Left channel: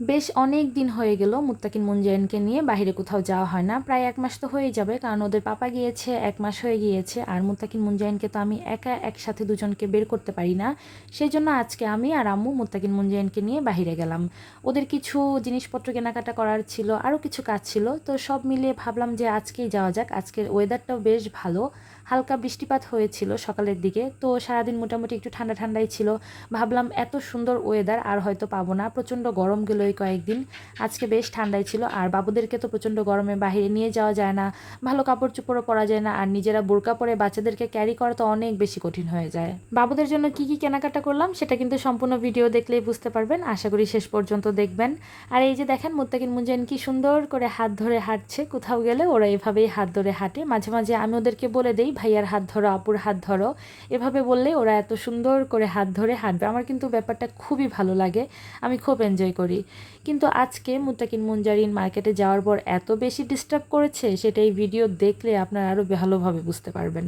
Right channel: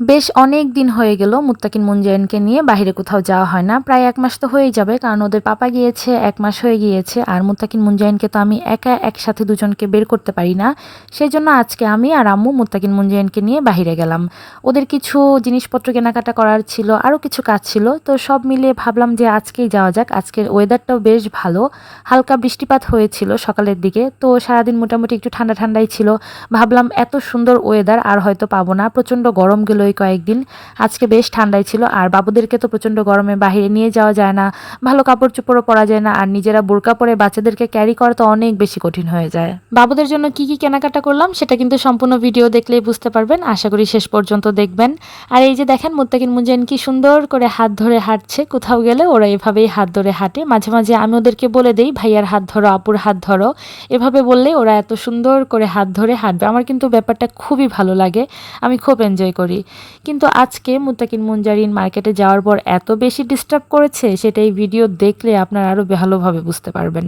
বেশ অনেক দিন হয়ে গেল মুত্তাকিন মুনজাইনকে নিয়ে বাইরে কোথাও যাওয়া হয় না। প্রায় ১ মাস তো হয়েই যাবে, কারণ ওদের পাপা গিয়েছে ১ মাস হয়ে গিয়েছে। আর মুত্তাকিন মুনজাইনকে তো আমি একা একসাথে দুজনকে বের করতে পারি না। সেজন্য আজকে আমি আর আম্মু মুত্তাকিন মুনজাইনকে নিয়ে বাহিরে গেলাম। ওদের কিছু জিনিসপত্র কেনাকাটা করার ছিল, আরও কিছু কাজ ছিল। তো সব মিলিয়ে ভাবলাম যে আজকেই যাওয়া যাক। আজকের ওয়েদারটাও বেশ ভালো, হালকা বৃষ্টিপাত হয়েছিল সকালের দিকে। তো সারাদিন মোটামুটি একটু ঠান্ডা ঠান্ডাই ছিল। ভাবলাম এত সুন্দর ওয়েদার আর হয়তো পাবো না, প্রচণ্ড গরম গেল এই কয়েকদিন। আজকে বেশ ঠান্ডাই ছিল। আর বাবুদেরকে তো প্রচণ্ড গরমে বাইরে নিয়ে যাওয়া যায় না, ভালো কাপড় চোপড়ও পরা যায় না, আর নিজেরা বোরকা পরে বাচ্চাদেরকে ক্যারি করা তো অনেক বেশি কঠিন হয়ে যায়। বাবুদের জন্য কি কি কেনাকাটা করলাম সেটা কিন্তু সম্পূর্ণ ভিডিও দেখলেই বুঝতে পারবেন, আশা করি শেষ পর্যন্ত দেখবেন। আর এই যে দেখেন মুত্তাকিন মুনজাইন কি সুন্দর করে হাত ধরে হাঁটছে। কোথাও গেলে ওরা এভাবেই হাত ধরে হাঁটে। মাঝে মাঝে আমি ওদেরকে বলে দেই ভাইয়ার হাত ধরো, আপুর হাত ধরো। এভাবে বললে ওরা এত সুন্দর করে হাত ধরে হাঁটবে। আমার কিন্তু ব্যাপারটা খুবই ভালো লাগে, আমি খুব এনজয় করি। কিন্তু আজকে মুত্তাকিন মুনজারিন মার্কেটে যাওয়ার পর এত বেশি ডিস্টার্ব করেছে, সেটা এই ভিডিও দেখলে আপনারা আরও ভালোভাবে বুঝতে পারবেন।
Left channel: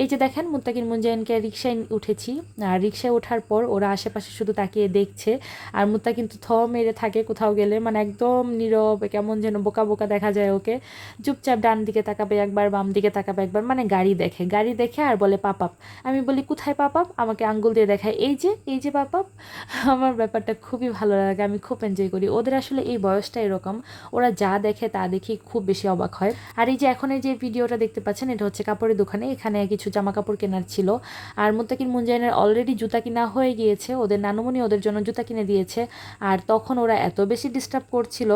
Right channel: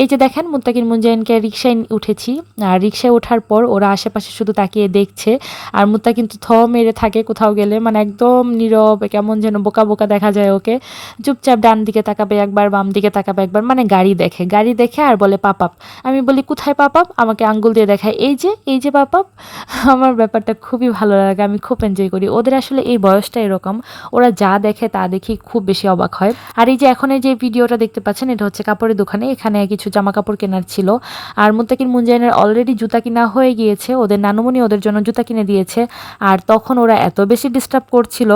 এই যে দেখেন মুত্তাকিন মুনজারিনকে রিকশায় উঠেছি, আর রিকশায় ওঠার পর ওরা আশেপাশে শুধু তাকিয়ে দেখছে। আর মুত্তা কিন্তু থ মেরে থাকে কোথাও গেলে, মানে একদম নীরব, কেমন যেন বোকা বোকা দেখা যায় ওকে। চুপচাপ ডান দিকে তাকাবে একবার, বাম দিকে তাকাবে একবার, মানে গাড়ি দেখে আর বলে পাপাপ। আমি বলি কোথায় পাপাপ, আমাকে আঙ্গুল দিয়ে দেখায়, এই যে পাপাপ। আমার ব্যাপারটা খুবই ভালো লাগে, আমি খুব এনজয় করি। ওদের আসলে এই বয়সটা এরকম, ওরা যা দেখে তা দেখি খুব বেশি অবাক হয়। আর এই যে এখন এই যে ভিডিওটা দেখতে পাচ্ছেন, এটা হচ্ছে কাপড়ের দোকানে, এখানে কিছু জামা কাপড় কেনার ছিল। আর মুত্তাকিন মুনজাইনের অলরেডি জুতা কিনা হয়ে গিয়েছে, ওদের নানুমণি ওদের জন্য জুতা কিনে দিয়েছে। আর তখন ওরা এত বেশি ডিস্টার্ব করছিল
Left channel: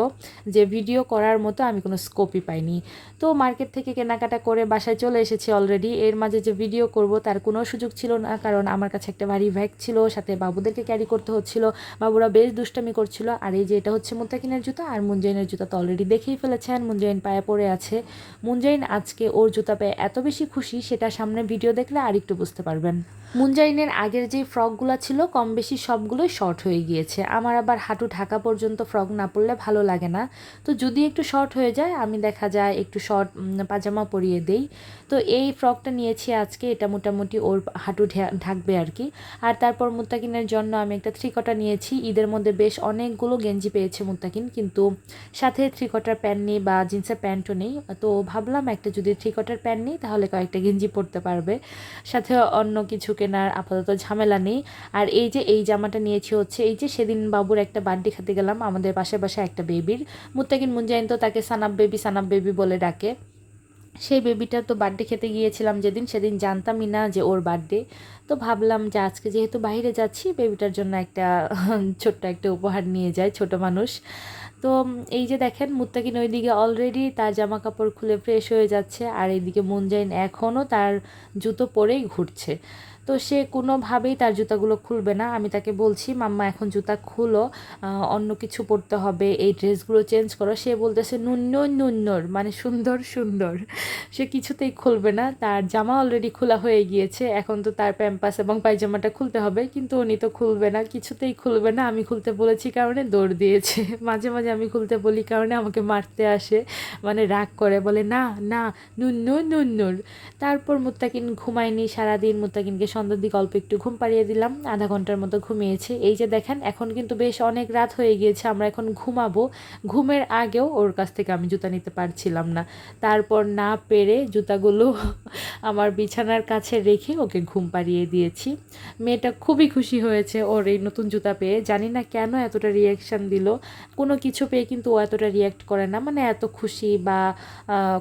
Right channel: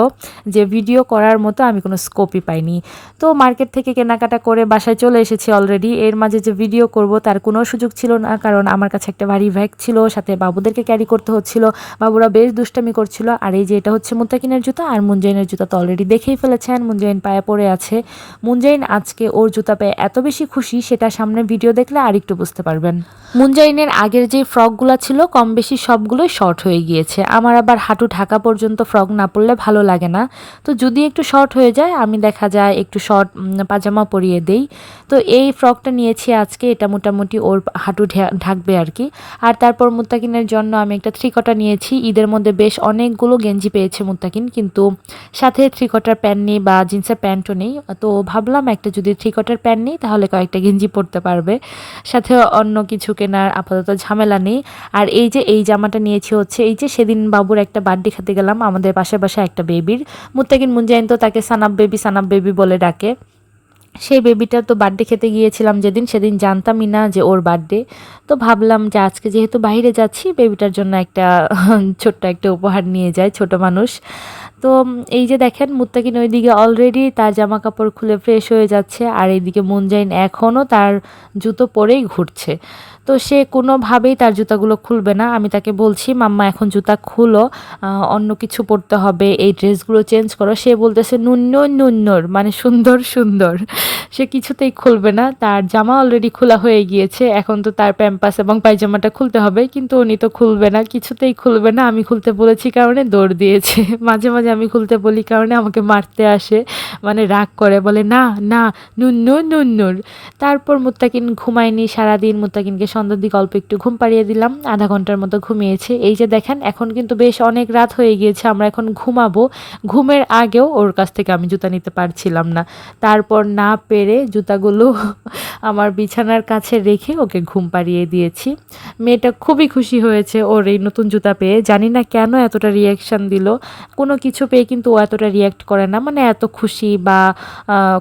যে ভিডিও করার মতো আমি কোনো স্কোপই পাইনি। তো মার্কেট থেকে কেনাকাটা করে বাসায় চলে এসেছি অলরেডি। এর মাঝে যে ভিডিও করব তার কোনো সুযোগ ছিল না, কারণ আমার কাছে একটা ভারী ব্যাগ ছিল, সাথে বাবুদেরকে ক্যারি করতে হচ্ছিল। বাবুরা বেশ দুষ্টামি করছিল। আর এই যে এটা হচ্ছে মুত্তাকিনের জুতা, আর মুনজাইনের জুতা তো অলরেডি দেখেই ফেলেছেন, মুনজাইন পায়ে পড়ে আছে। মুনজাইন আজকে ওর জুতা পেয়ে এত বেশি খুশি, সেটা সামনে ভিডিও দেখলে আর একটু বুঝতে পারবেন। মুনজাইনের আগের যে ফ্রকগুলো ছিল কম বেশি সবগুলোই শর্ট হয়ে গিয়েছে। আমার আবার হাঁটু ঢাকা পর্যন্ত ফ্রক না পরলে ভালো লাগে না। তো যদি একটু শর্ট হয়ে যায় আমি দেখা যায় একটু শর্ট পাজামা পরিয়ে দেই। তো এই ফ্রকটা নিয়েছি আজকে, এটা মোটামুটি ওর হাঁটু ঢাকবে আর কি। আর তারপর মুত্তাকিনের জন্য আমি একটা থ্রিকটা নিয়েছি। ঈদের মধ্যে বেশ অনেকগুলো গেঞ্জি পেয়েছে মুত্তাকিন, কিন্তু সাথে থ্রিকটার প্যান্ট নেই বা জিন্সের প্যান্টও নেই। তো ভাবলাম একটা যদি থ্রিকটার প্যান্ট নিই তাহলে কয়েকটা গেঞ্জি পরতে পারবে, সাথে অন্য কিছু কেনার আপাতত ঝামেলা নেই। আর এই যে এই জামাটা নিয়েছি হচ্ছে, এই যে সেদিন বাবুর একটা বার্থডে খেতে গেলাম আমাদের পাশে একটা বেবির, মুত্তাকিন মুনজাইন তো তাকে সানাব বেবি বলে ডাকে। সেই বেবিটার তো বার্থডে খেতে গিয়েছিলাম সেদিন জানতামই না যে ওর বার্থডে। তো ভাবলাম যে আজকে যেহেতু বাইরে যাচ্ছি বেবিটার জন্য একটা ছোট্ট একটা উপহার নিয়ে যায়, ছোট মানুষ। তো এই যে দেখেন মুত্তাকিন ওইদিকে অলরেডি তার জামা কাপড় খুলে ফ্রেশ হয়ে যাচ্ছে, আর এইদিকে মুনজাইন এখনও তার জুতো পরেই ঘুরছে। তো সে কোনোভাবেই তার জুতাগুলো খুলবে না। আমি তাকে বলছি মাম্মা এখন জুতা খুলো, অন্য কিছু পরতে হবে, এই ড্রেসগুলো চেঞ্জ করো। সে বলতেছে নুন্নর নুন্নর, মানে সুন্দর সুন্দর। সে কিছুতেই খুলবে না। তার জামা অলরেডি খোলা হয়ে গিয়েছে, এখন তো তার প্যাম্পাস এবং পায়জামাটা খুলতে হবে, কিন্তু উনি তো খুলবে না, কিছুতেই খুলবে না। আমি খুলতে বলেছি কারণে দৌড় দিয়েছে। মাঝে মাঝে আমি খুলতে বলি কারণে আমাকে মারতে আসে, মানে রাগ করে, বলে না না নুন্নর নুন্নর। তারপর মুত্তাকিন ঘুমায়নি সারাদিন। মুত্তাকিনকে সন্ধ্যার দিকে অল্প একটু ঘুম পাড়িয়ে দিলাম, আধা ঘন্টার মতো ঘুমিয়েছে। এই যে দেখেন এখন কিন্তু বেশ অনেক রাত হয়ে গিয়েছে, আমরা এখন ঘুমাবো। ঘুমের আগেও ওর কাছ থেকে আমি জুতা নিতে পারছিলাম না, তারপর না পেরে জুতাগুলো আমার বিছানার কাছে রেখে ওকে ঘুম পাড়িয়ে দিয়েছি। মেয়েটা খুবই খুশি হয়েছে ওর এই নতুন জুতা পেয়ে, জানি না কেন এতটা রিয়াকশান দিল। কোনো কিছু পেয়ে কিন্তু ও এতটা রিয়াক্ট করে না, মানে এত খুশি বা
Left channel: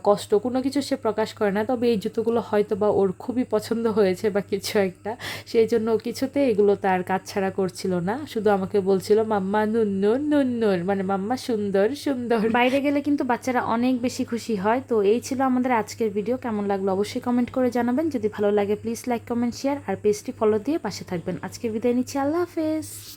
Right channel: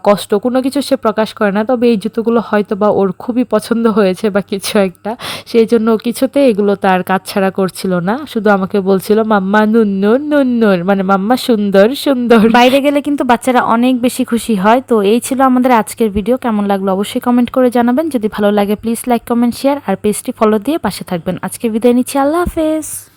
কষ্ট কোনো কিছু সে প্রকাশ করে না। তবে এই জুতোগুলো হয়তো বা ওর খুবই পছন্দ হয়েছে বা কিছু একটা, সেই জন্য কিছুতে এগুলো তার কাছছাড়া করছিল না, শুধু আমাকে বলছিল মাম্মা নুন্নুর নুন্নুর, মানে মাম্মা সুন্দর সুন্দর। বাইরে গেলে কিন্তু বাচ্চারা অনেক বেশি খুশি হয়। তো এই ছিল আমাদের আজকের ভিডিও, কেমন লাগলো অবশ্যই কমেন্ট করে জানাবেন। যদি ভালো লাগে প্লিজ লাইক কমেন্ট শেয়ার, আর পেজটি ফলো দিয়ে পাশে থাকবেন। আজকে বিদায় নিচ্ছি, আল্লাহ হাফেজ।